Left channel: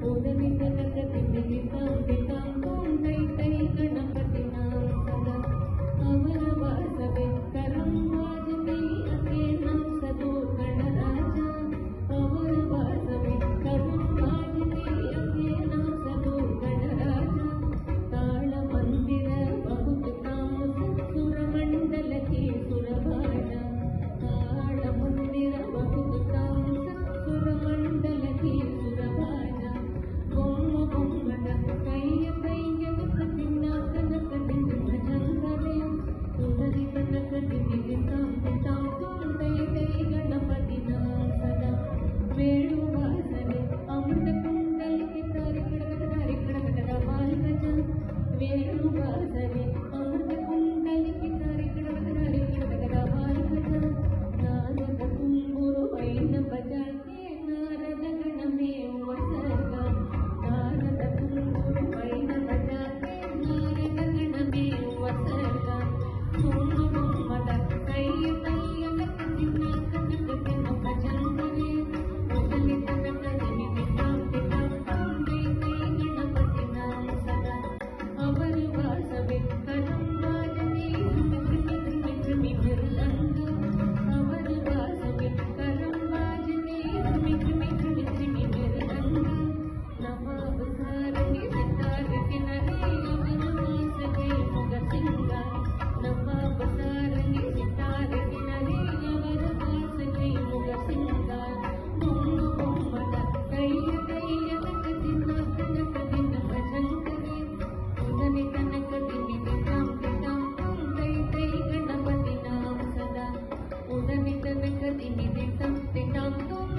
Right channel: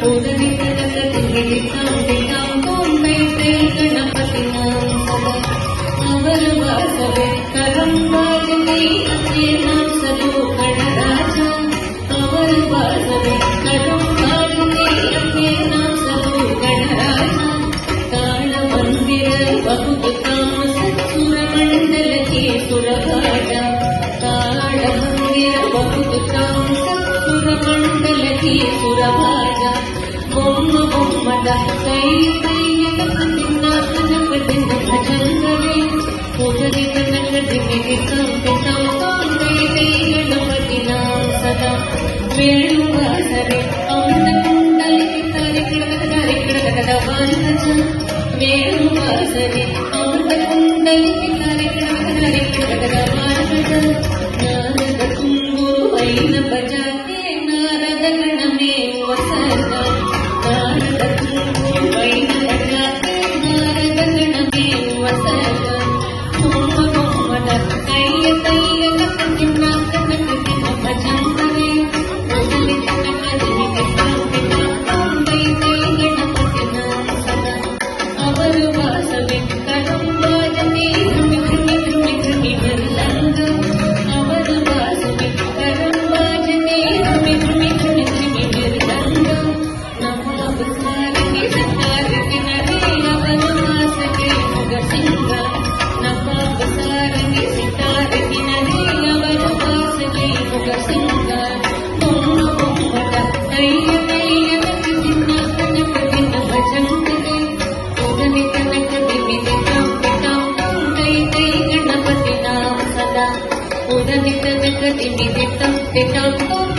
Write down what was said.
Oh, सुरभाज ताडभङ्गिरवकुटुकांस सुरमण्डलकी सुरभाज बोम्म बोम्मदः कैकैयकपतिनाथनपतिन भजङ्गवे पुजरितनकदिमिदिकाम्पितां कान्तैकैगणपतिनां सदा वेणुवासरे अमृतकुण्डलिति तरिकडक तरिकडक वाणज वेणुवासरे अमृतकुण्डलिति in the victim, victim